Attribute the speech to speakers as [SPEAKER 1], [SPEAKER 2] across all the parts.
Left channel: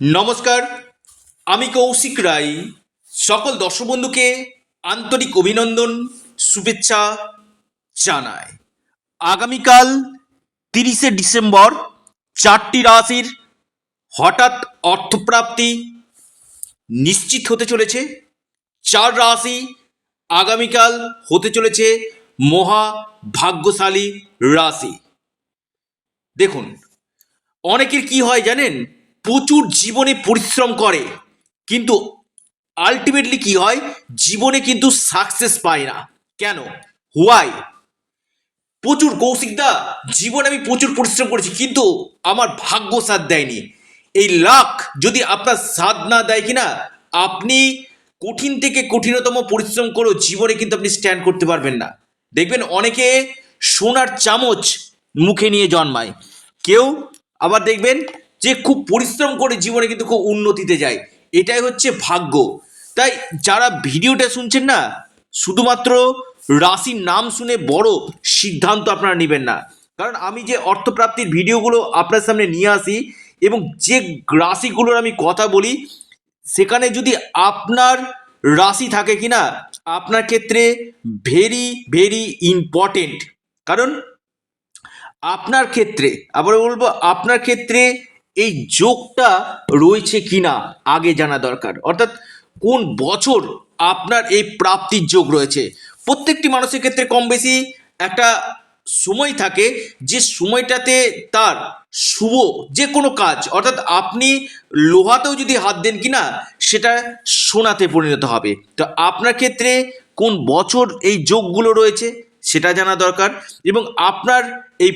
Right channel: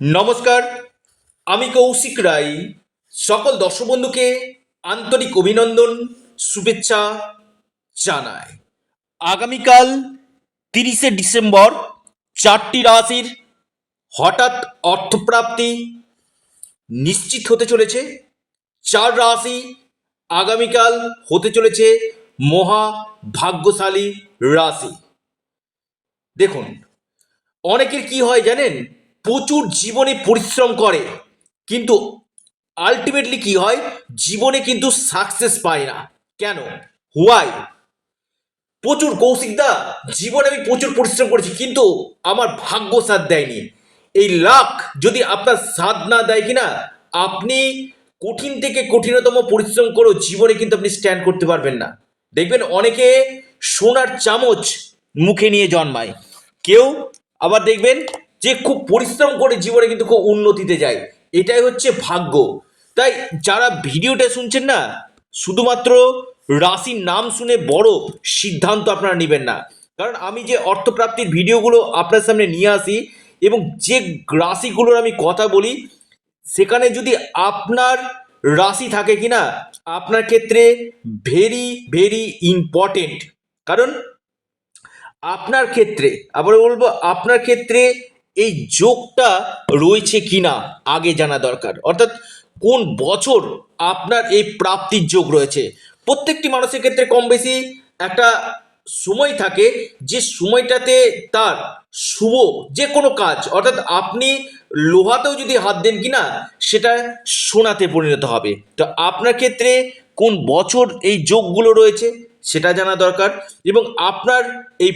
[SPEAKER 1] নমস্কার, আমি কৌশিক রায়। সকল দর্শক বন্ধুকে আন্তরিক অভিনন্দন, শুভেচ্ছা জানাই। আগামীকাল তিরিশে ডিসেম্বর চারটি রাশির হঠাৎ অর্থপ্রাপ্তি নিশ্চিত হতে চলেছে। চার রাশি আগামীকাল হতে চলেছে মহা ভাগ্যশালী রাশি। দেখুন, অনেকের কি হয় জানেন? প্রচুর জীবনে পরিশ্রম করে, কিন্তু আলটিমেটলি কি হয়? জীবনে কিন্তু সাকসেস পায় না। কেন? হোয়াই প্রচুর কৌশিকদা জীবনে আমি প্রচুর পরিশ্রম করেছি, কিন্তু আমার ভাগ্য সাথ দেয়নি। এই লাখ যদি আপনার সাথ না দেয় কিনা, আপনি কঠিন থেকে কঠিনতম পরিশ্রম করেও জীবনে কিন্তু আপনি স্ট্যান্ড করতে পারবেন না। দেখবেন অনেকে সোনার চামচ মুখে নিয়ে জন্মায়। কেউ আবার দেখবেন যে খুব পরিশ্রম করে জীবনে কিন্তু খুব উন্নতিতে যায়। এটাই হচ্ছে ভাগ্য। তাই যারা ভিডিওটা শুনছেন না, শুধুমাত্র রাশির নাম শুনে বড় সিদ্ধান্ত আপনারা নেবেন না। কারণ আমি যে অর্থপ্রাপ্তির ভিডিওগুলো আপনার সামনে নিয়ে আসি এবং যে রাশিগুলোর আমি কথা বলি, সেখানে যদি আপনার রাশি থাকে কি না আপনার ক্ষেত্রে ভেরি ভেরি ইম্পর্টেন্ট কারণ আপনার ক্ষেত্রে আবার বলব, আপনার ক্ষেত্রে এই যোগটা রয়েছে কিনা আগে জানা দরকার। অর্থাৎ কোন বছর আপনার এই প্রাপ্তির যোগ রয়েছে? প্রত্যেকটি মানুষের ক্ষেত্রে কম বেশি একটা সময় থাকে যে সময়টাতে তার শুভ যে কোনো কাজ, অর্থাৎ আপনি লোহাতেও যদি হাত দেন কিনা, সেটা সোনাতে পরিণত হবে। তো আপনার ক্ষেত্রে কোন বছর এই যোগগুলো রয়েছে, সেটা জানা দরকার এবং আপনার এই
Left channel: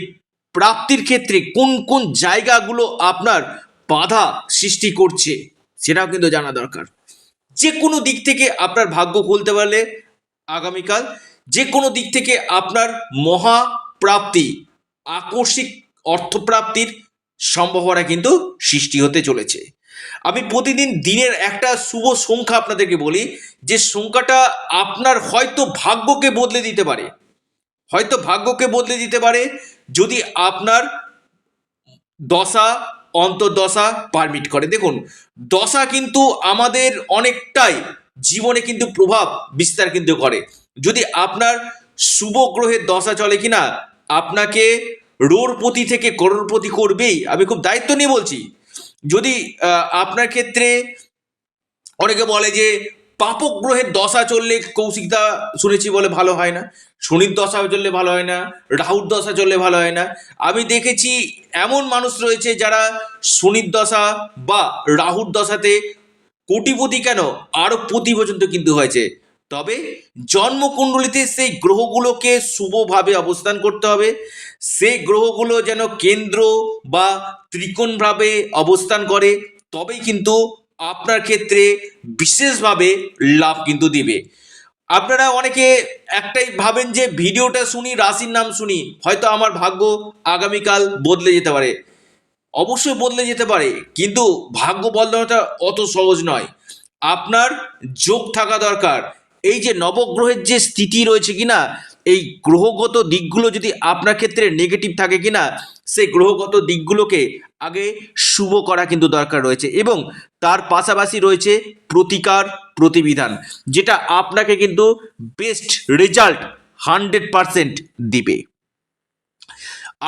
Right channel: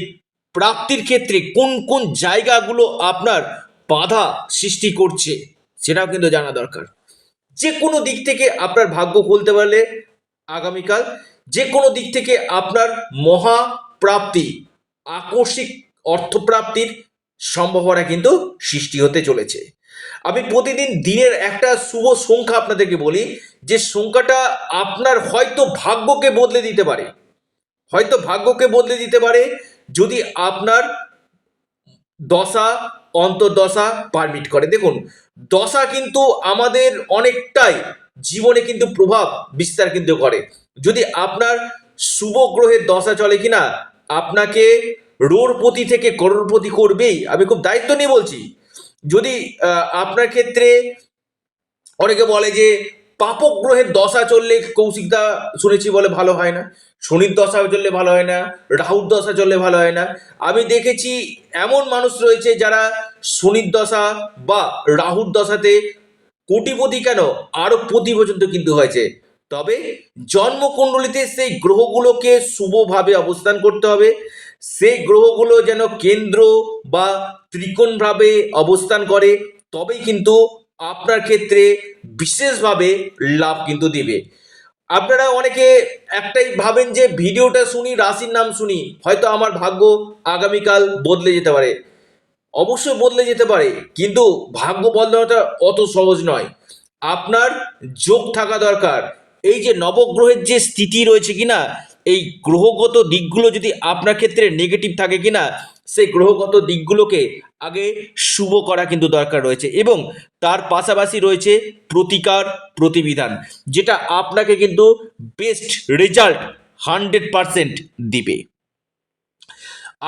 [SPEAKER 1] প্রাপ্তির ক্ষেত্রে কোন কোন জায়গাগুলো আপনার বাধা সৃষ্টি করছে, সেটাও কিন্তু জানা দরকার। যে কোনো দিক থেকে আপনার ভাগ্য খুলতে পারলে আগামীকাল যে কোনো দিক থেকে আপনার মহা প্রাপ্তি আকস্মিক অর্থপ্রাপ্তির সম্ভাবনা কিন্তু সৃষ্টি হতে চলেছে। আমি প্রতিদিন দিনের একটা শুভ সংখ্যা আপনাদেরকে বলি, যে সংখ্যাটা আপনার হয়তো ভাগ্যকে বদলে দিতে পারে। হয়তো ভাগ্যকে বদলে দিতে পারে যদি আপনার দশা, অন্তর্দশা পারমিট করে। দেখুন, দশা কিন্তু আমাদের অনেকটাই জীবনে কিন্তু প্রভাব বিস্তার কিন্তু করে। যদি আপনার শুভ গ্রহের দশা চলে কিনা, আপনাকে রোরপতি থেকে করোড়পতি করবেই, আমি খুব দায়িত্ব নিয়ে বলছি। যদি আপনার ক্ষেত্রে অনেকে বলে যে পাপক গ্রহের দশা চললে কৌশিকদা শুনেছি বলে ভালো হয় না, শনির দশা চললে ভালো হয় না, রাহুর দশা চললে ভালো হয় না। আমি দেখেছি এমন মানুষ রয়েছে যারা শনির দশা বা রাহুর দশাতে কোটিপতি কেন আরও প্রতি পর্যন্ত কিন্তু হয়েছে। তবে জন্মকুণ্ডলিতে সেই গ্রহগুলোকে শুভভাবে অবস্থান করতে হবে। সেই গ্রহগুলো যেন কেন্দ্র বা ত্রিকোণভাবে অবস্থান করে, তবেই কিন্তু আপনার ক্ষেত্রে বিশেষভাবে লাভ কিন্তু দিবে। আপনারা অনেকে একটাই ভাবেন যে ভিডিওটা শুনি, রাশির নাম শুনি, হয়তো আমার ভাগ্য আগামীকাল বদলে যেতে পারে। অবশ্যই বদলে যেতে পারে, কিন্তু ভাগ্য বদলানোটা অত সহজ নয়। আপনার যোগ থাকা দরকার। এই যে নবগ্রহের যে স্থিতি রয়েছে কিনা এই গ্রহগত দিকগুলো যদি আপনার ক্ষেত্রে নেগেটিভ থাকে কিনা, সেই গ্রহগত দিকগুলোকে আগে শুভ করা কিন্তু দরকার রয়েছে এবং তার পাশাপাশি রয়েছে প্রতিকার প্রতিবিধান, যেটা আপনাকে কিন্তু বেস্ট রেজাল্ট হান্ড্রেড পারসেন্ট দিবে।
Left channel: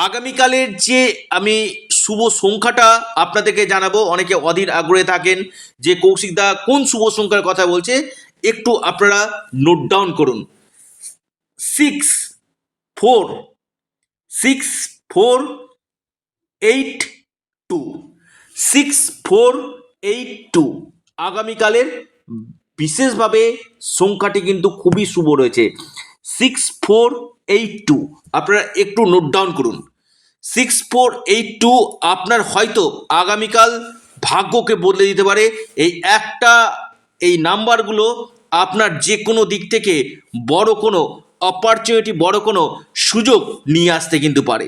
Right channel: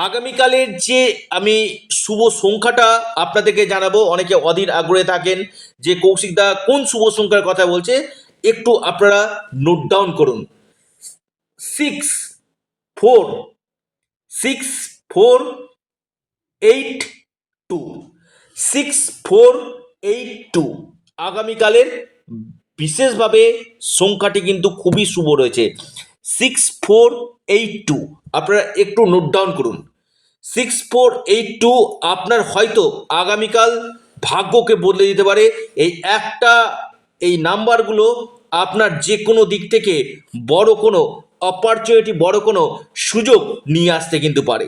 [SPEAKER 1] আগামীকালের যে আমি শুভ সংখ্যাটা আপনাদেরকে জানাব, অনেকে অধীর আগ্রহে থাকেন যে কৌশিকদা কোন শুভ সংখ্যার কথা বলছে, একটু আপনারা নোট ডাউন করুন। Six four six four eight two six four eight two আগামীকালের বিশেষভাবে সংখ্যাটি কিন্তু খুবই শুভ রয়েছে। সিক্স ফোর এইট টু আপনারা একটু নোট ডাউন করুন। সিক্স ফোর এইট টু আপনার হয়তো আগামীকাল ভাগ্যকে বদলে দিতে পারে। এই একটা, এই নাম্বারগুলো আপনার যে কোনো দিক থেকে বড় কোনো অপরচুনিটি বড় কোনো সুযোগ নিয়ে আসতে কিন্তু পারে।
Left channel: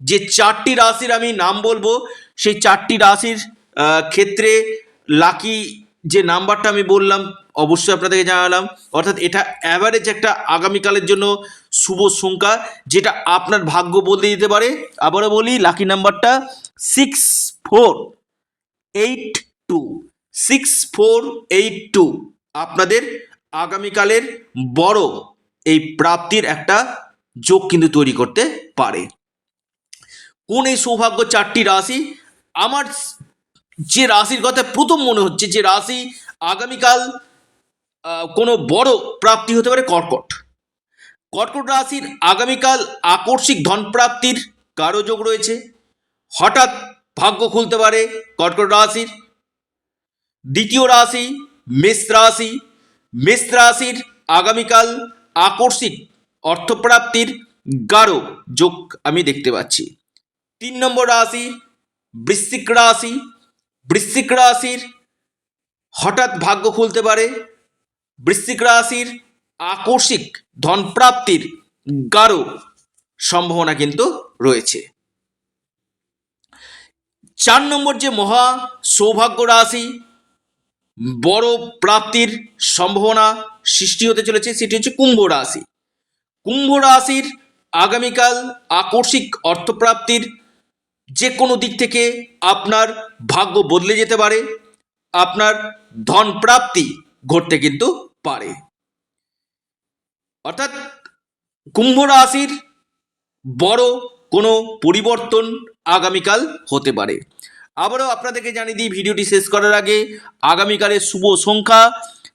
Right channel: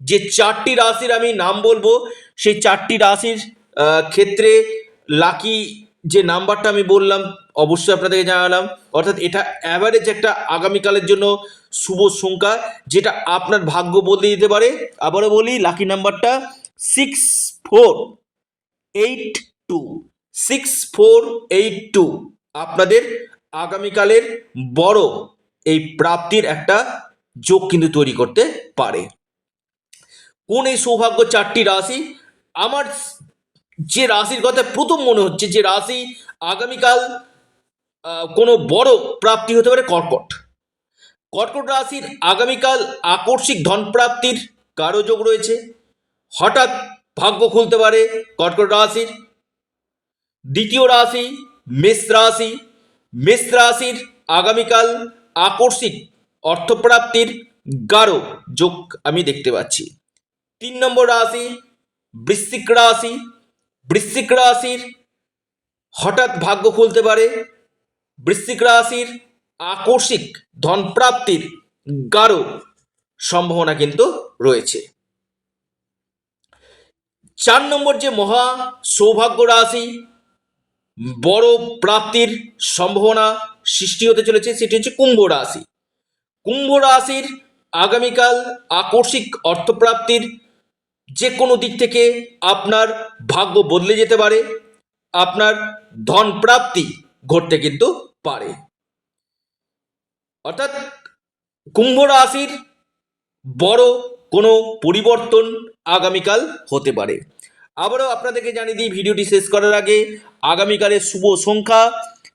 [SPEAKER 1] যে চারটি রাশির আমি নাম বলব, সেই চারটি রাশির ক্ষেত্রে লাকি যে নাম্বারটা আমি বললাম, অবশ্যই আপনাদেরকে জানালাম। অর্থাৎ এটা অ্যাভারেজ একটা আগামীকালের জন্য শুভ সংখ্যা, যেটা আপনার ভাগ্য বদলে দিতে পারে। আবারও বলি লাকি নাম্বারটা six four eight two six four eight two আপনাদের আগামীকালের বড় এই প্রাপ্তির একটা যোগ কিন্তু তৈরি করতে পারে। কোন এই সৌভাগ্য চারটি রাশি? আমার যে রাশির কথা প্রথম মনে হচ্ছে যে রাশি আগামীকাল কোনো বড় প্রাপ্তি হতে পারে কর্কট। কর্কট রাশির আগামীকাল আকস্মিক ধন প্রাপ্তির কারও যোগ রয়েছে। হঠাৎ ভাগ্য খুলতে পারে কর্কট রাশির। দ্বিতীয় রাশি মেষ রাশি। মেষ রাশির আগামীকাল আকস্মিক অর্থপ্রাপ্তির গাঢ় যোগ আমি দেখতে পাচ্ছি। তিন নম্বর রাশি, বৃশ্চিক রাশি। বৃশ্চিক রাশির হঠাৎ ভাগ্য খুলতে পারে। বৃশ্চিক রাশির আকস্মিক ধন প্রাপ্তির গাঢ় সম্ভাবনা কিন্তু রয়েছে। চার নম্বর যে মহা সৌভাগ্য রাশি, বড় প্রাপ্তির সম্ভাবনা সৃষ্টি হতে চলেছে, সেটি হচ্ছে কুম্ভ রাশি। কুম্ভ রাশির আগামীকাল আকস্মিক অর্থপ্রাপ্তির যে কোনো দিক থেকে আপনার ভাগ্য বদলে যেতে পারে, আপনার ধন প্রাপ্তি ঘটতে কিন্তু পারে। অর্থাৎ কুম্ভ রাশির বড় কোনো পরিবর্তন আগামীকাল হতে পারে। আবারও আপনাদেরকে জানিয়ে দিই, ভিডিওটি শেষ করার আগে আগামীকালের শুভ সংখ্যা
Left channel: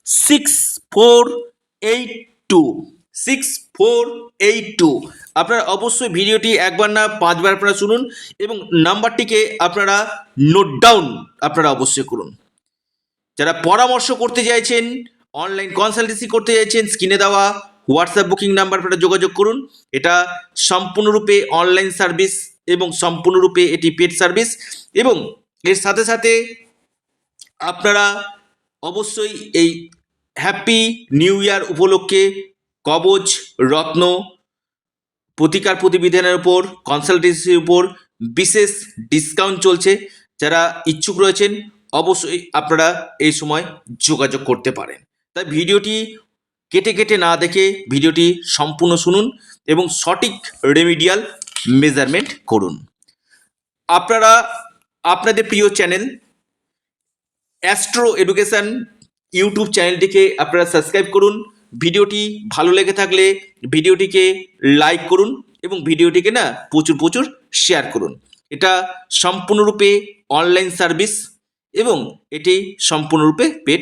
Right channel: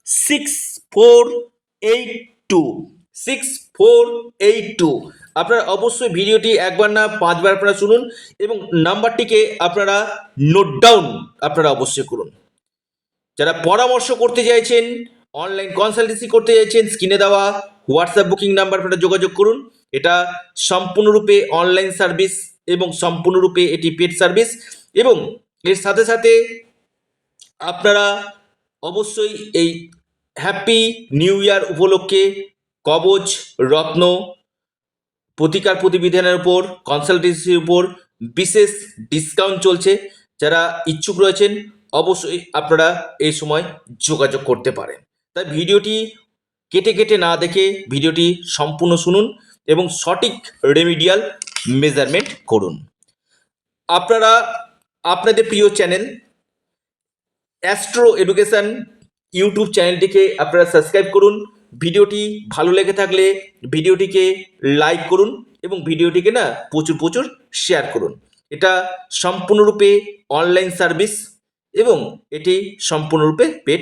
[SPEAKER 1] six four eight two six four eight two আপনারা অবশ্যই ভিডিওটি একবার না পাঁচবার আপনারা শুনুন এবং নাম্বারটিকে আপনারা নোট ডাউন আপনারা অবশ্যই করুন। যারা পরামর্শ করতে চাইছেন অনলাইন কনসালটেন্সি করতে চাইছেন স্ক্রিনে দেওয়া হোয়াটসঅ্যাপ বুকিং নাম্বার আপনারা যোগাযোগ করুন। এটা সম্পূর্ণরূপে অনলাইন সার্ভিস এবং সম্পূর্ণরূপে এটি পেড সার্ভিস এবং এর সাথে সাথে আপনারা অবশ্যই এই হ্যাপি নিউ ইয়ার উপলক্ষে কবচ, রত্ন, প্রতিকার প্রতিবিধানের উপর কনসালটেন্সির উপর বিশেষ ডিসকাউন্ট চলছে। যারা ইচ্ছুক রয়েছেন, অবশ্যই আপনারা এই সময় যোগাযোগ করতে পারেন। তাই ভিডিওটি কেটে কেটে না দেখে ভিডিওটি সম্পূর্ণ শুনুন এবং সঠিক রেমিডিয়াল মেজারমেন্ট করুন। আপনারা, আপনাদের প্রিয় চ্যানেল অ্যাস্ট্রো এডুকেশন ইউটিউব চ্যানেলটিকে আপনারা সাবস্ক্রাইব করুন। ভিডিওটি ভালো লেগে থাকলে ভিডিওটিকে লাইক করুন এবং ভিডিওটিকে না প্রচুর প্রচুর শেয়ার করুন। এটা সম্পূর্ণরূপে অনলাইন সার্ভিস এবং এটি সম্পূর্ণরূপে পেড